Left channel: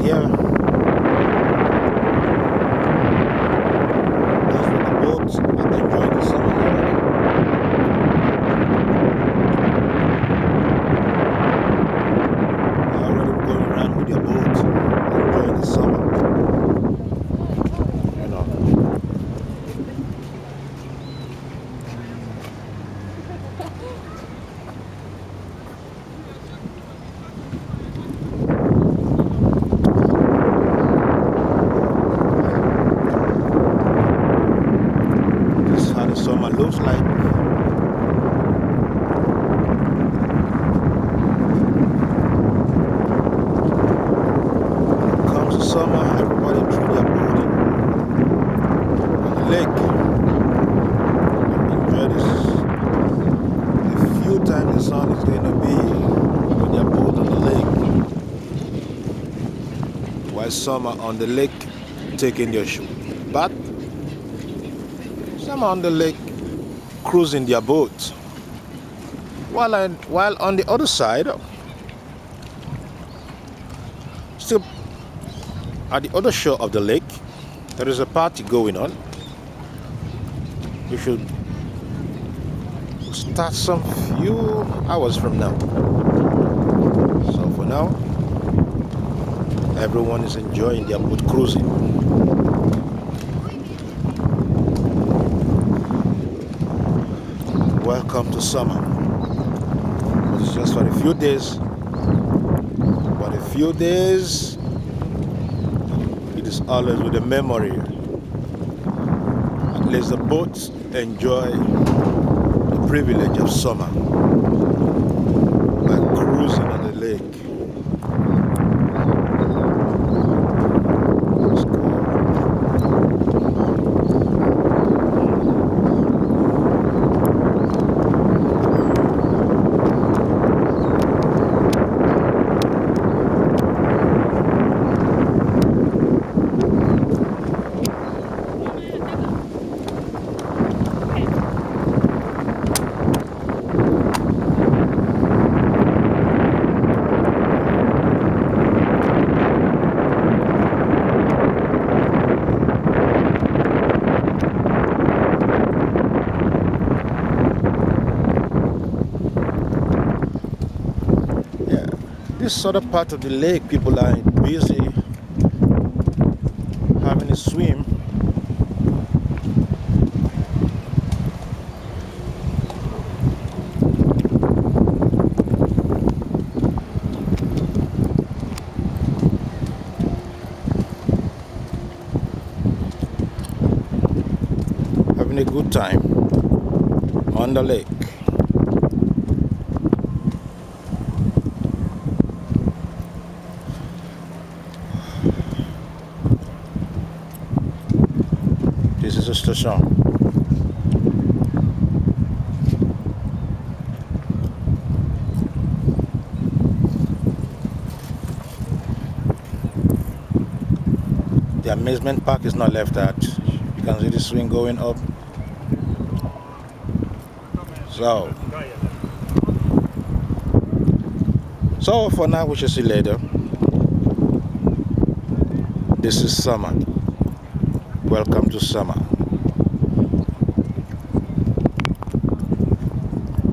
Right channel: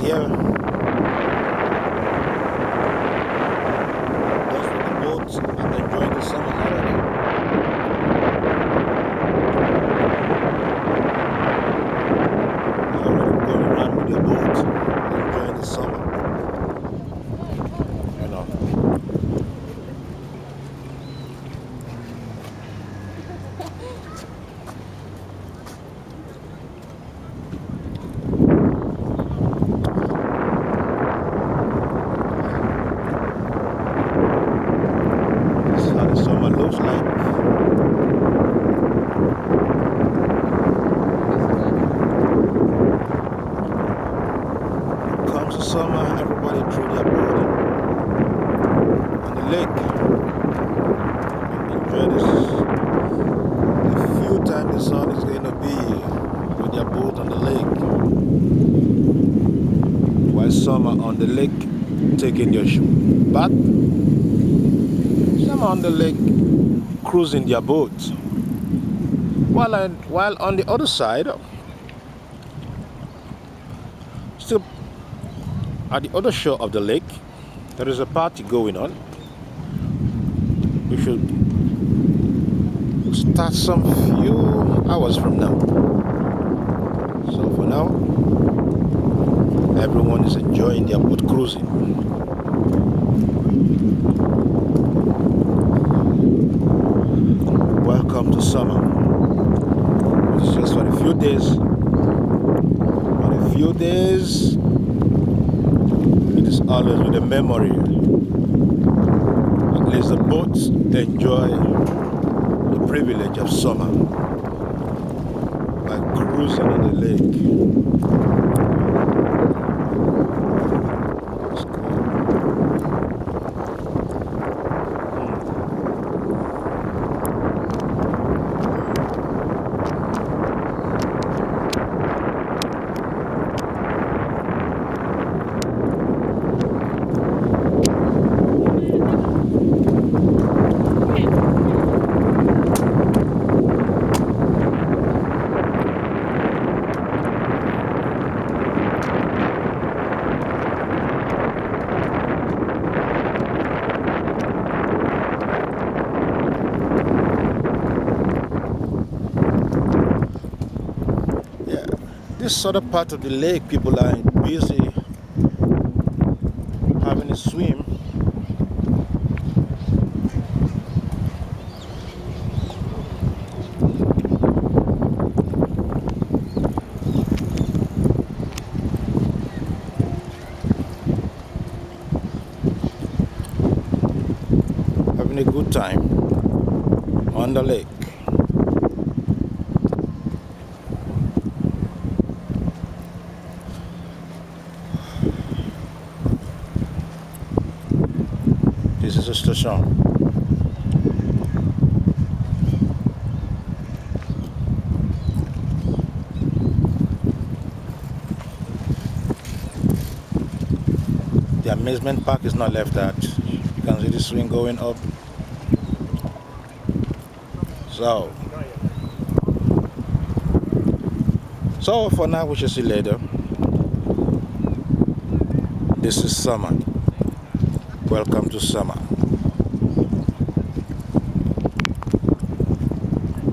here. Those with the boats are enjoying the summer already. They're already going around with their boats, enjoying the summer. You know. This is how the summer looks like. Comes the summer, everybody threw their boat in on the lake and enjoy this. The few times the sun is going to be with their boat on the lake, while some are on the lake taking their bath, some are on the lake cruising their boat, while on the other side, still at the other shore of the lake, there is a party going on. We should start some few hours from now. So for now, everyone is enjoying their boat cruising. Welcome to summer. But it's just for a few days. For a few days, it is always with a memory. At least the boats enjoy the privilege of summer by cruising on the lake. It's cool. This other part of the lake, people are busy having a swim. Having a good time on the lake. This is a station. The amusement park is not left out. You can see the swing going up. So for now, we shall see later. This is summer. Welcome to summer.